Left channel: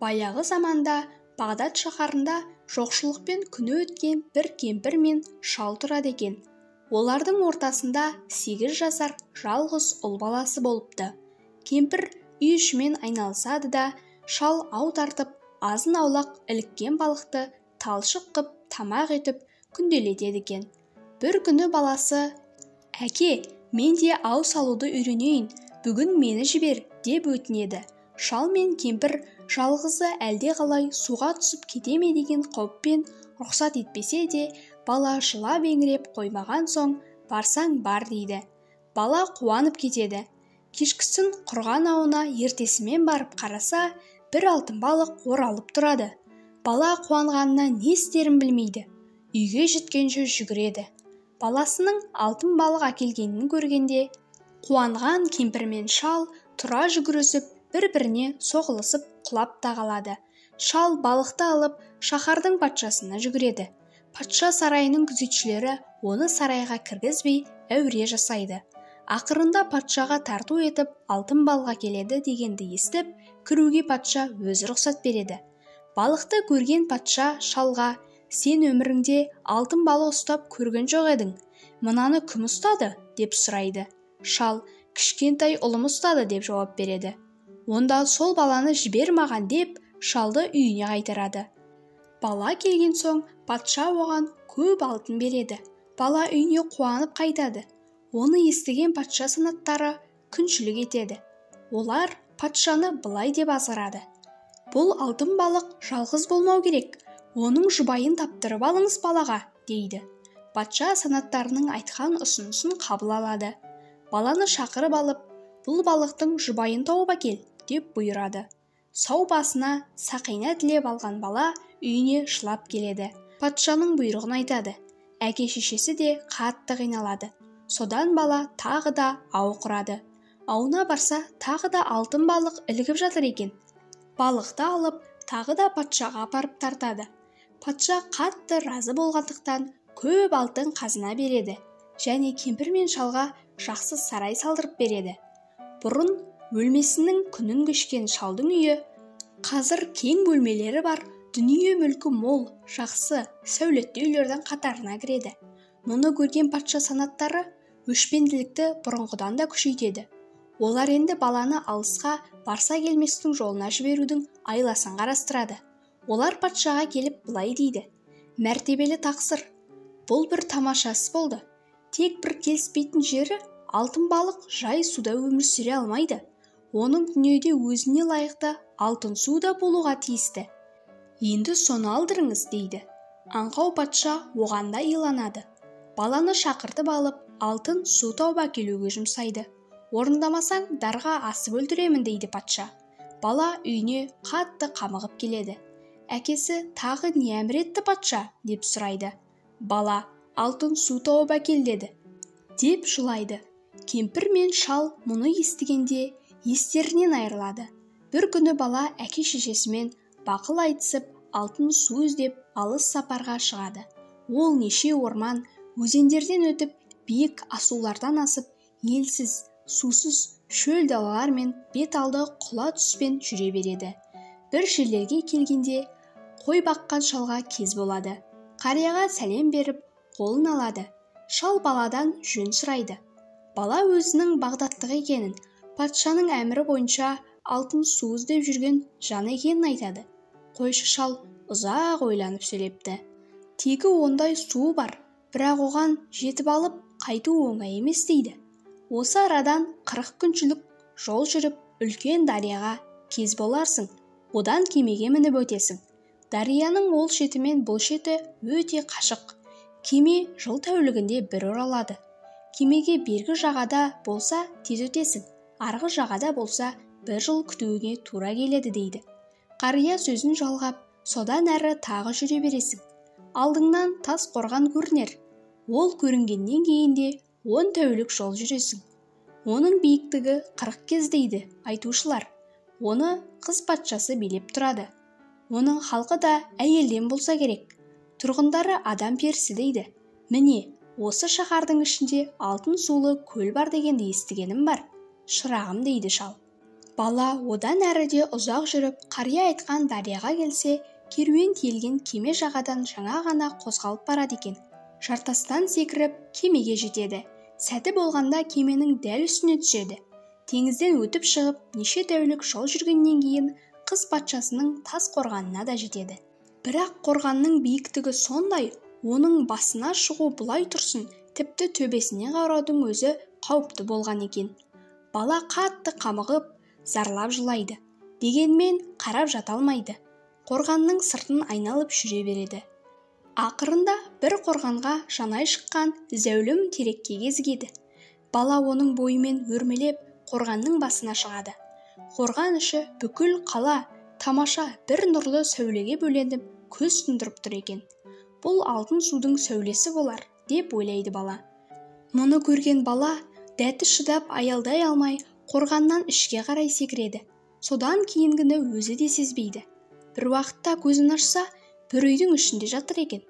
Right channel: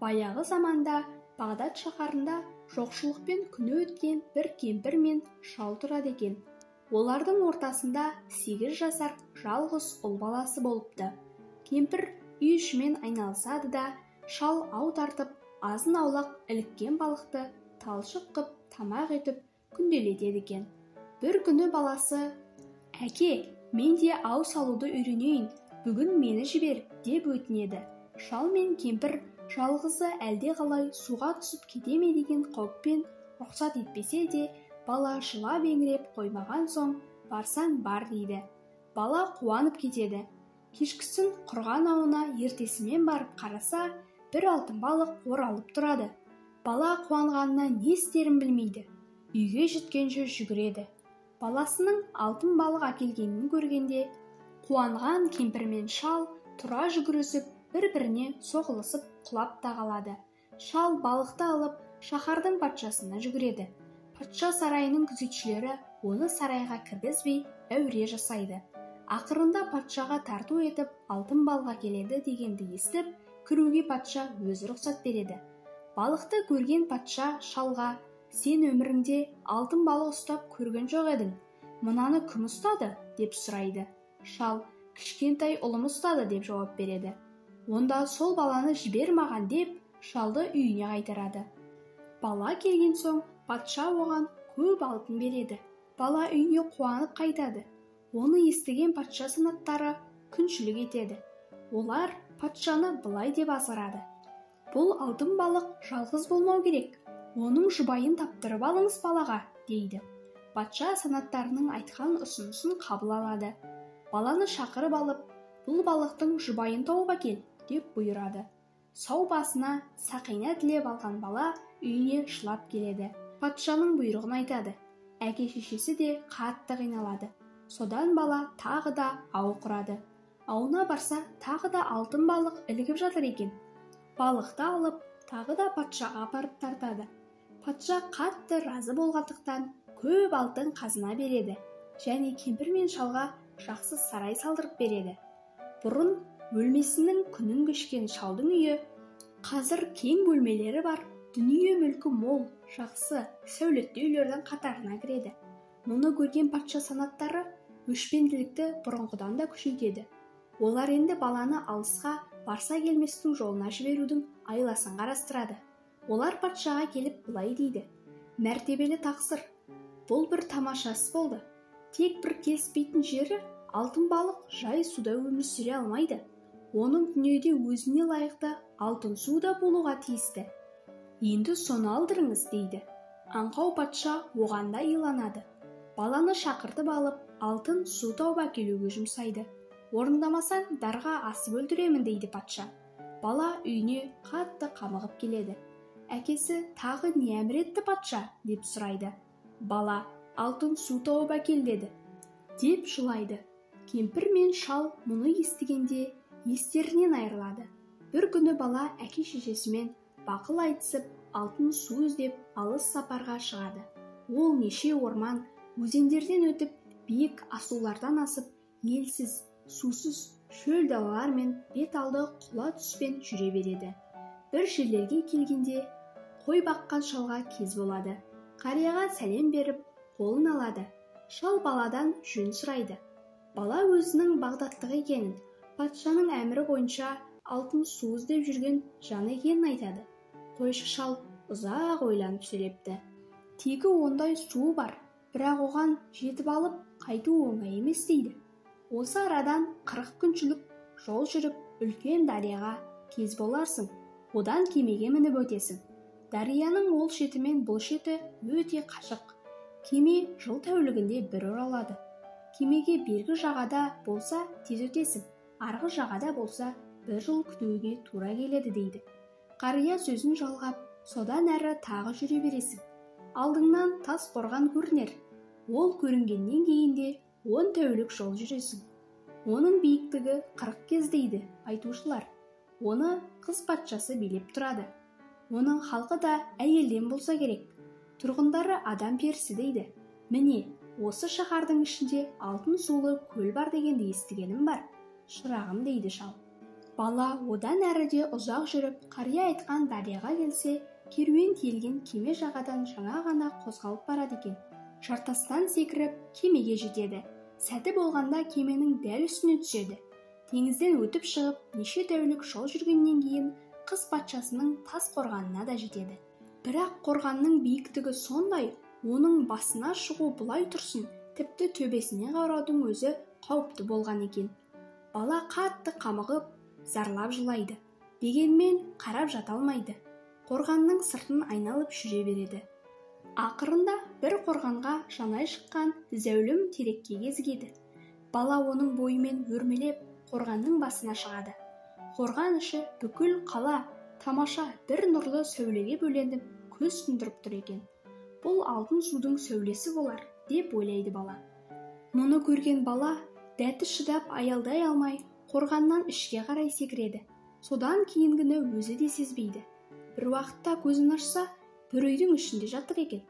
Баяғы заманда Бағдат шаһарында жоқшылықпен күні өткен бір кемпір мен шал тұрады екен. Олардың ортасында 8 жасар жалғыз ұл баласы болыпты. Кемпір үй ішімен айналысады да, шал ау тартып, азын-аулақ іліккен балықты талшық қып тамақ етіп күнделетеді екен. Бір күні баласы: «Әке, мен де ау салуды үйренейін, бүгін мені жібер» деп өтінеді. Шал мен кемпір жалғызы әлде қалай суға түсіп кете ме деген қауіппен рұқсат етпесе де, бала жылап еңіреп қоймаған соң барсаң бар дейді. Бала қуанып кетеді. Кешкісін құрған ауына ертесімен барып қараса, бір алтын балық оралып тұрады. Бала қуанғанына не істерін білмейді. Үйге жеткенше жүгіреді. Баласының алтын балық әкелгенін көргенде, қуанған кемпір мен шал тұра жүгірісіп, бір-біріне соғылысып құлап та қалады. Шал балықты алып шаһардың патшасына жүгіреді. Патша сарайының күзетшілері оны сарайға кіргізбей әуре жасайды. Ақырында патшаға тарту етіп алтын балық әкеледі дегенді естіп, кіруге патша өзі рұқсат береді. Балықты көрген патша шалға: «Сен өміріңде алтын балық ұстап көрген жоқ едің. Мынаны кім ұстады?» деп сұрайды. Шал: «Кішкентай ұлым ұстады» деп жауап береді. Онда сол баланы жібер маған деп шалды үйіне қайтарады. Бала келген соң патша оған көп алтын береді. Бала үйіне қуанып қайтады. Оны естіген патша санаттары күншілік етеді. Олар патшаны былай деп азғырады: «Бұл алтын балық жалғыз болмау керек, оның жұбайын таптырып алыңыз балаға» дейді. Патша санаттарының айтқан ұсынысын қабыл алады. Баланы шақырып алып, «Бұл балықтың жұбайын тауып әкел» деп бұйырады. Сау басына сақина тілеп алған бала үйіне жылап келеді. Патшаның бұйрығын айтады. Әке-шешесі де қатты қиналады. Содан бала тағы да ау құрады. Ауына барса, тағы да алтын балық ілігіп жатыр екен. Балықты алып, тағы да патшаға апарып тартады. Патша қатты разы болғандықтан көп алтын қазына береді және кемпір мен шалға жақсы сарай салдырып береді. Бұрын бөлмесінің күнін кешкен шалдың үйі қазір кең бөлмелері бар, дүние мүлкі мол, жақсы, сәулетті үйлердің қатарына кіреді. Мұны көрген патша санаттары өшпенділікті бұрынғыдан да күшейтеді. Олар енді баланы алысқа барса келместің жолына жіберудің айласын қарастырады. Олар патшаға келіп былай дейді: «Мәртебелі тақсыр, бұл бір тамаша іс болды. Тек бір келіспейтін жері, алтын балық жай суда өмір сүре алмайды. Оның дүниеде өзіне лайықты алтын суда болуға тиісті. Енді соны алдырыңыз» дейді. Аңқау патша оған да иланады. Баланы шақыртып алып, алтын су тауып әкелуге жұмсайды. «Орындамасаң дарға асып өлтіремін» дейді патша. Бала үйіне қатты қамығып келеді. Әкесі тағы не әмір етті патша деп сұрайды. Бала: «Алтын су тауып әкел» деді деп жылайды. Кемпір мен шал мұны естігенде естерінен айырылады. Бір күні бала әке-шешесімен бақыл айтысып, алтын су іздеп алыс сапарға шығады. Ол неше орман, өзендерден өтіп, биік асулардан асып, елсіз, сусыз шөл далалар мен бет алды құла түспен жүре береді. Бір жерлерге келгенде қой баққан шалға кез болады. Қарияға сәлем беріп, қолын алады. Шал баладан жөн сұрайды. Бала өзінің Бағдаттық екенін, патшаның әмірі бойынша алтын су іздеп жүрген жан екенін айтады. Қойшы шал ұзақ ойланып сөйлепті. Тегі ондай су бар, бірақ оған жетіп алып қайту оңай емес дейді. Осы арадан 40 күншілік жол жүріп, үлкен дарияға кез боларсың. Одан кемеге мініп өтесің. Дарияның ол шеті мен бұл шеті өте қашық. Кеме жыл тәулігінде бір оралады. Кемеге бергі жағада болса тез өтесің, арғы жағада болса бір жыл күтуге тура келеді дейді. Қария сөзін жалғап, содан әрі тағы жүре бересің. Алдыңнан тас қорған көрінер. Ол көрінгеннен кейінде 10 тәулік жол жүресің. Оның биіктігі 40 кез дейді айтушылар. Оны қыз патшасы билеп тұрады. Оның халқы да әйелден болса керек. Тұрғындары адам перісі дейді. Міне, осы шаһардың ішінде алтын сулы көл бар дегенді естігенім бар. Шырағым дейді шал. Бала одан әріде ұзақ жүріп, қария айтқан дарияға келсе, керуен тиелген кеме жағадан жаңа ғана қозғалып барады екен. Жартастан секіріп, кемеге жетеді. Сәті болғанда кеменің дәл үстіне түседі. Теңізден өтіп шығып, неше тәулік жол жүргеннен кейін қыз патшасының тас қорғанына да жетеді. Бірақ қорғанның биіктігі сондай, оның басына шығу бұлай тұрсын, тіпті төбесіне қараудың өзі қауіпті болған екен. Бала қатты қамығып, зарлап жылайды. Дегенмен қарап жата алмайды. Қорғанның сыртын айналып жүре береді. Ақырында бір қорғанға жанай шыққан зәулім терекке кезігеді. Бала оның бойымен өрмелеп қорғанның басына шығады. Қорған іші бүкіл қала тамаша бір нұрлы сәулеге бөленіп көз тұндырып тұр екен. Бұл алтын судың сәулесі болар, деп ойлайды бала. Мұны көрген бала дәті шыдап аялдай алмай қорғаннан ішке қарай секіреді. Содан кейінгіні өзі де сезбейді. Бір уақытта көзін ашса, бір үйдің ішінде жатыр екен.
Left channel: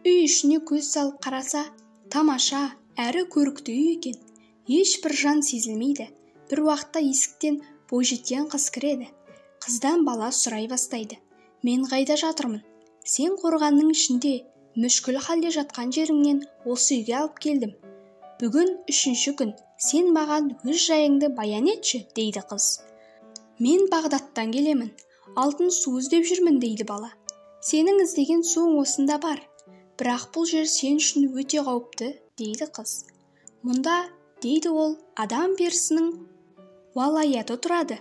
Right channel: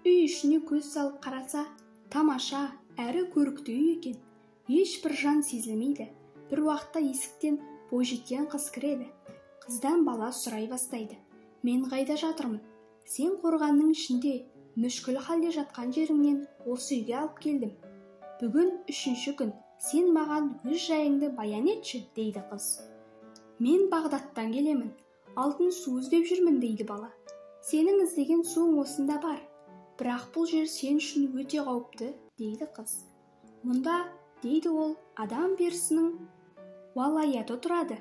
Үй ішіне көз салып қараса, тамаша, әрі көрікті үй екен. Ешбір жан сезілмейді. Бір уақытта есіктен бойжеткен қыз кіреді. Қыздан бала сұрай бастайды. Мен қайда жатырмын? Сен қорғанның ішінде, мүшкіл халде жатқан жеріңнен осы үйге алып келдім. Бүгін 3-ші күн, сен маған өз жайыңды баян етші, дейді қыз. Мен Бағдаттан келемін, алтын су іздеп жүрмін, дейді бала. Сенің іздеген суың осында бар, бірақ бұл жер сен үшін өте қауіпті, дейді қыз. Мұнда, дейді ол, адам перісінің уалаяты тұрады.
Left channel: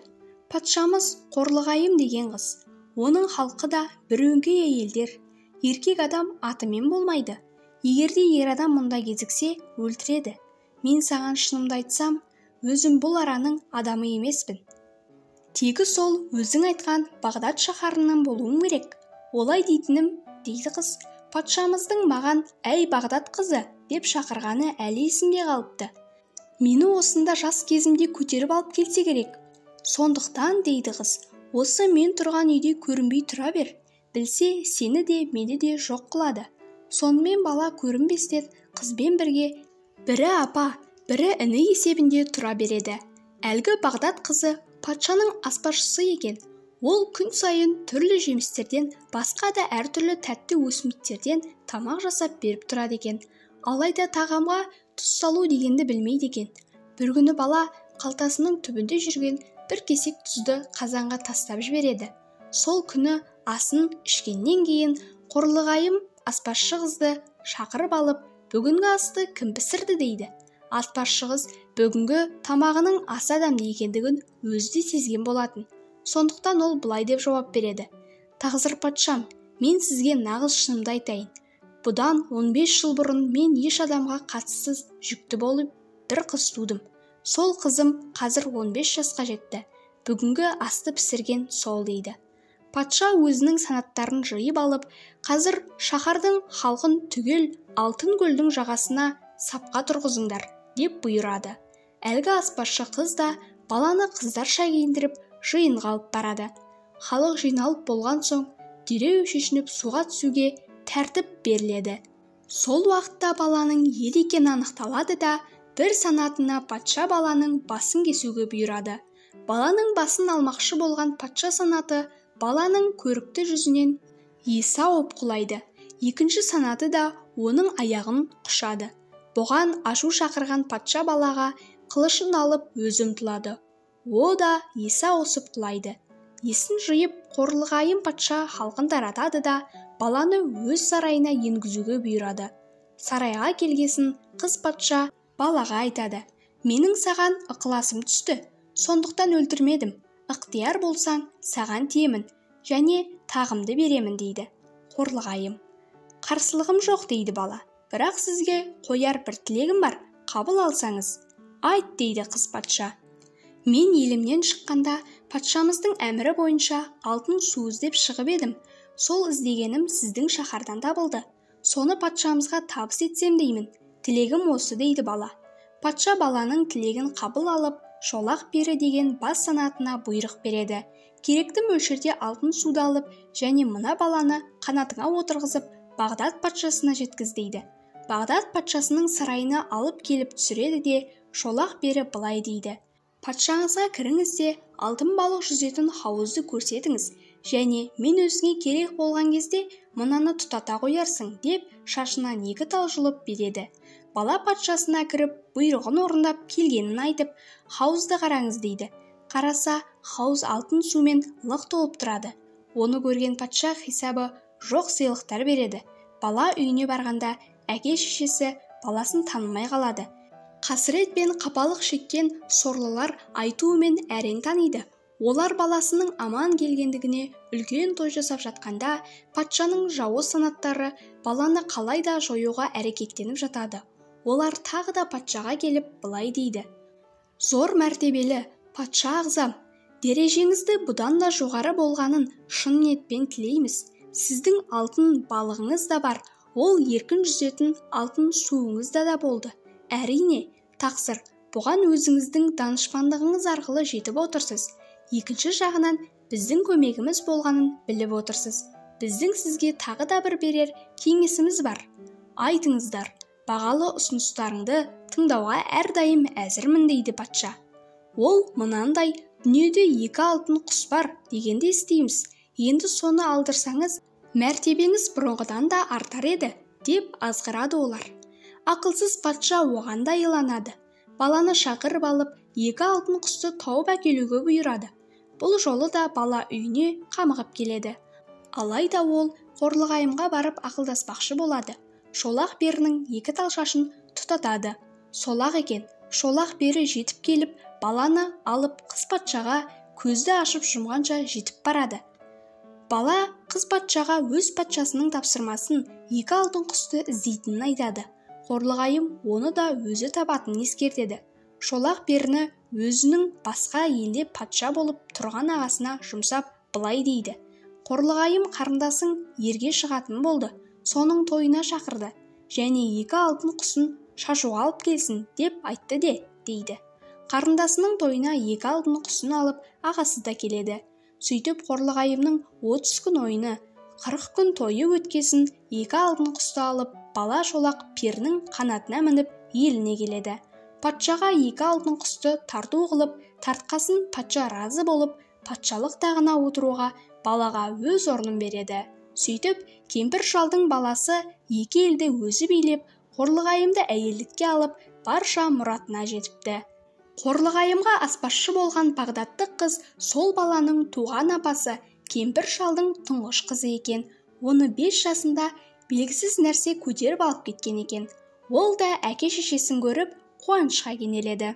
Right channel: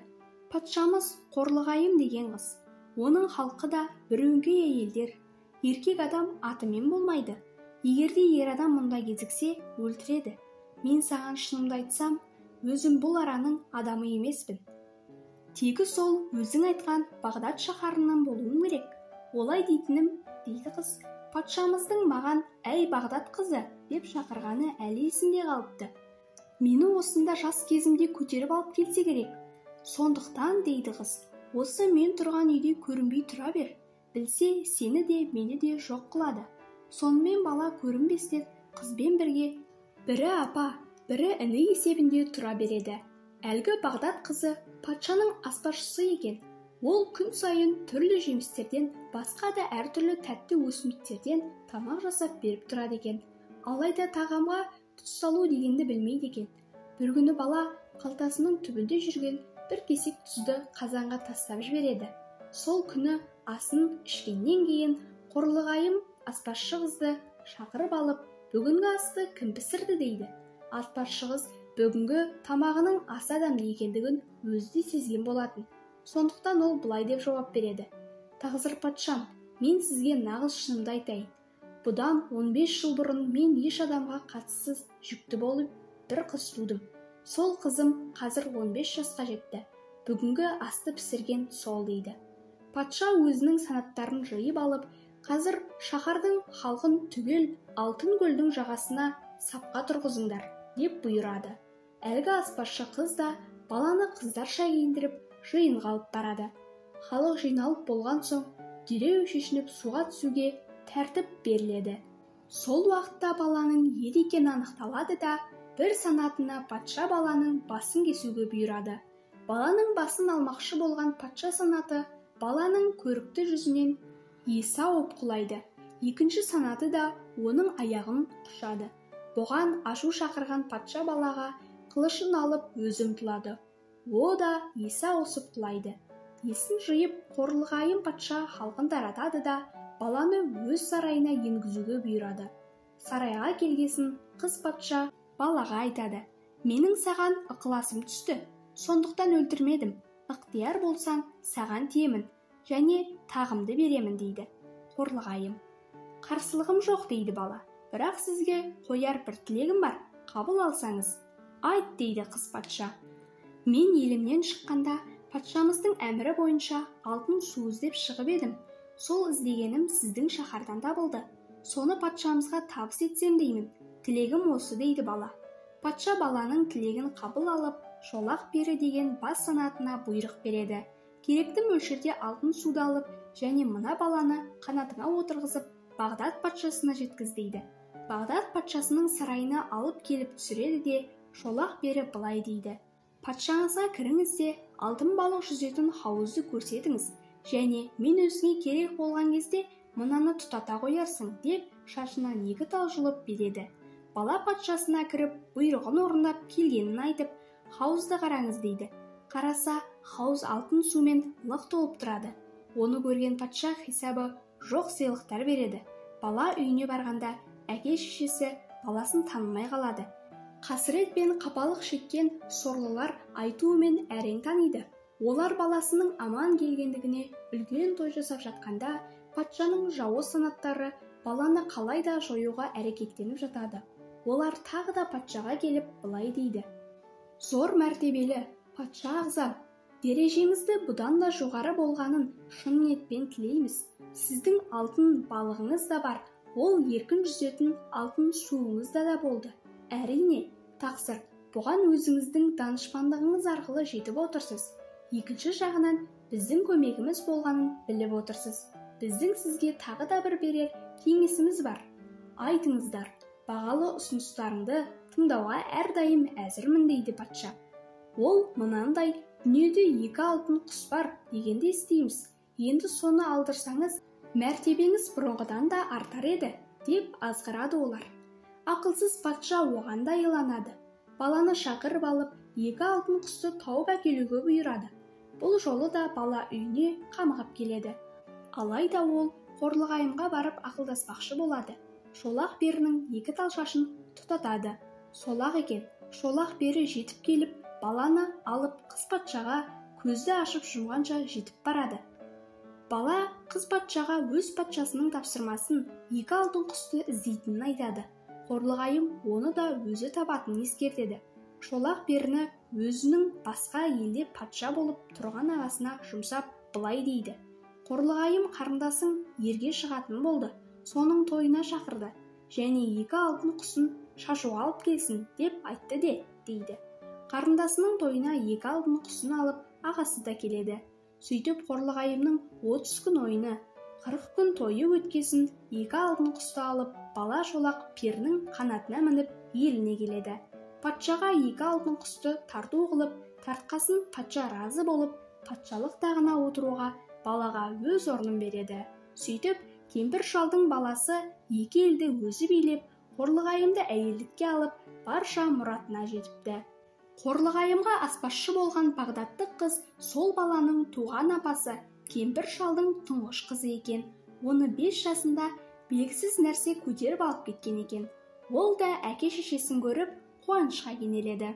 Патшамыз Қорлығайым деген қыз. Оның халқы да бір өңкей әйелдер. Еркек адам атымен болмайды. Егерде ер адам мұнда кезіксе, өлтіреді. Мен саған шынымды айтсам, өзім бұл араның адамы емеспін. Тегі сол өзің айтқан Бағдат шаһарынан болуым керек. Олай дейтінім, дейді қыз, патшамыздың маған әй Бағдат қызы деп шақырғаны әлі есімде қалыпты. Мені осында жас кезімде көтеріп алып келсе керек. Сондықтан, дейді қыз, осы мен тұрған үйде көрінбей тұра бер. Білсе, сені де, мені де жоқ қылады. Сонымен бала көрінбестен қызбен бірге бірі апа, бірі іні есебінде тұра береді. Әлгі Бағдат қызы патшаның аспазшысы екен. Ол күн сайын түрлі жемістерден, басқа да әртүрлі тәтті өсімдіктерден тамақ жасап беріп тұрады екен. Алайда тағамға тұз салу дегенді білмейді екен. Бір күні бала қалтасының түбінде жүрген бір кесек тұзды қазанға тастап жібереді. Сол күні асын ішкеннен кейін Қорлығайым аспазшы қызды шақырып алып, бүгінгі асты кім пісірді, дейді. Аспазшы қыз бүгінгі тамағының ас адамды екендігін өзі де сезген болатын. Сондықтан ол былай деп жауап береді. Тағзыр патшам, мен сізге нағыз шынымды айтайын. Бұдан 15 жыл бұрын мен еш адамға қатыссыз жүкті болып бір қыз тудым. Сол қызым қазір 15 жасқа жетті. Бүгінгі асты пісірген сол, дейді. Патша өзінің санаттарын жиып алып, қазір шаһардың халқын түгел алтын көлдің жағасына сапқа тұрғызыңдар, деп бұйырады. Әлгі аспазшы қыз да баланы қыздарша киіндіріп жиынға алып барады. Халық жиналып болған соң, дереу шешініп суға түсуге тәртіп беріледі. Сол уақытта баланың ел екені анықталады да, бір санатына патша баланың басын кесуге бұйырады. Баланың басын алмақшы болған патша санаты баланың көрікті жүзінен есі ауып құлайды. Екінші санаты да оның аяғын құшады. Бұған ашу шақырған патша балаға қылышын алып өзі ұмтылады. О да есі ауысып құлайды. Есін жиып Қорлығайым патша халқын таратады да баланы өз сарайына енгізуге бұйырады. Сарайға келгесін қыз патша балаға айтады. Менің саған ықыласым түсті, сондықтан өлтірмедім. Ықтияр болсаң, саған тиемін және тағымды беремін, дейді. Қорлығайым: қарсылығым жоқ, дейді бала. Бірақ сізге қояр бір тілегім бар, қабыл алсаңыз. Айт, дейді қыз патша. Мен елімнен шыққанда патшамыздың әмірі бойынша алтын су іздеп шығып едім. Сол іздегенім сіздің шаһардан табылды. Соны патшамызға табыс етсем деймін. Тілегім осы, дейді бала. Патша баланың тілегін қабыл алып, шолақ бері деген бас санатына бұйрық береді. Керекті мөлшерде алтын суды алып, және мына баланы қанатыңа отырғызып, Бағдат патшасына жеткіз, дейді. Бағдат патшасының сарайына алып келіп түсіреді де, шолақ бері былай дейді. Патшаңызға кіріңіз де, алтын балық жүзетін хауызды көрсетіңіз, және мен өзіңе керек болған кезде мынаны тұтата қоярсың деп шашынан 2 тал жұлып береді. Бала патшасына кіріп, бұйрығын орындап келгенін айтып, хауызды қараңыз дейді. Қараса, хауыз алтын сумен лық толып тұрады. Оны көрген патша хисабы жоқ сыйлықтар береді. Бала үйіне барғанда, әке-шешесі баласын танымай қалады. Қасірет пен қапалық шеккен сорлылар айтуымен әрең таниды. Олар баласының аман келгендігіне үлкен той жасап жатқанда, патшаның жауыз санаттары баланы қалайда жоюға әрекеттеніп жатады. Олар тағы да патшаға келіп былай дейді: «Зор мәртебелі патша ағзам, дәрежеңізді бұдан да жоғары болғанын шын ниетпен тілейміз. Сіздің алтын балығыңыз да бар, ол еркін жүзетін алтын суыңыз да болды. Әрине, тақсыр, бұған өзіңіздің данышпандығыңыз арқылы жетіп отырсыз. Екінші жағынан, біздің көмегіміз болғанын біліп отырсыз. Біздің сізге тағы да бір берер кеңесіміз бар. Айтыңыздар, бағалы ұсыныстарыңды тыңдауға әрдайым әзірмін» дейді патша. Ол мынандай: «Дүниеде 2 алтын құс бар дегенде естейміз. Енді соны алдырсаңыз, мәртебеңіз бұрынғыдан да артар еді» деп азғырады олар. Ақылсыз патша оған да иланады. Баланы шақырып алып, 2 алтын құсты тауып әкелуге бұйырады. Бұл жолы да бала үйіне қамығып келеді. Алайда ол қорлығайымға барып ақылдаспақшы болады. Шолақ берінің 2 тал шашын тұтатады. Солақ екен. Шолақ бері жетіп келіп, баланы алып қыз патшаға көзді ашып жұмғанша жетіп барады. Бала қыз патшаға өз патшасының тапсырмасын 2 алтын құсты іздейтінін айтады. Қорлығайым оны да өзі табатынын ескертеді. Шолақ беріні өзінің басқа елде патша болып тұрған ағасына жұмсап былай дейді: «Қорлығайым қарындасың ерге шығатын болды, соның тойына шақырды, және 2 алтын құсын шашуға алып келсін деп айтты дейді. Қарындасының тойына 2 алтын құсын алып, ағасы да келеді. Сөйтіп Қорлығайымның 30 күн ойыны, 40 күн тойы өткесін 2 алтын құсты алып, бала Шолақ перінің қанатына мініп еліне келеді. Патшаға 2 алтын құсты тарту қылып, тартқасын патша разы болып, патшалық тағына отыруға балаға өз орнын береді. Сөйтіп, кемпір шалдың баласы 2 елді өзі билеп, Қорлығайымды әйелдікке алып, барша мұратына жетіпті. Қорлығайымға аспазшы болған Бағдатты қыз сол баланың туған апасы кемпір шалдың тұңғыш қызы екен. Оны 5 жасында белгісіз нәрсе көтеріп алып кеткен екен. Ол да әке-шешесін көріп қуанышқа кенеледі.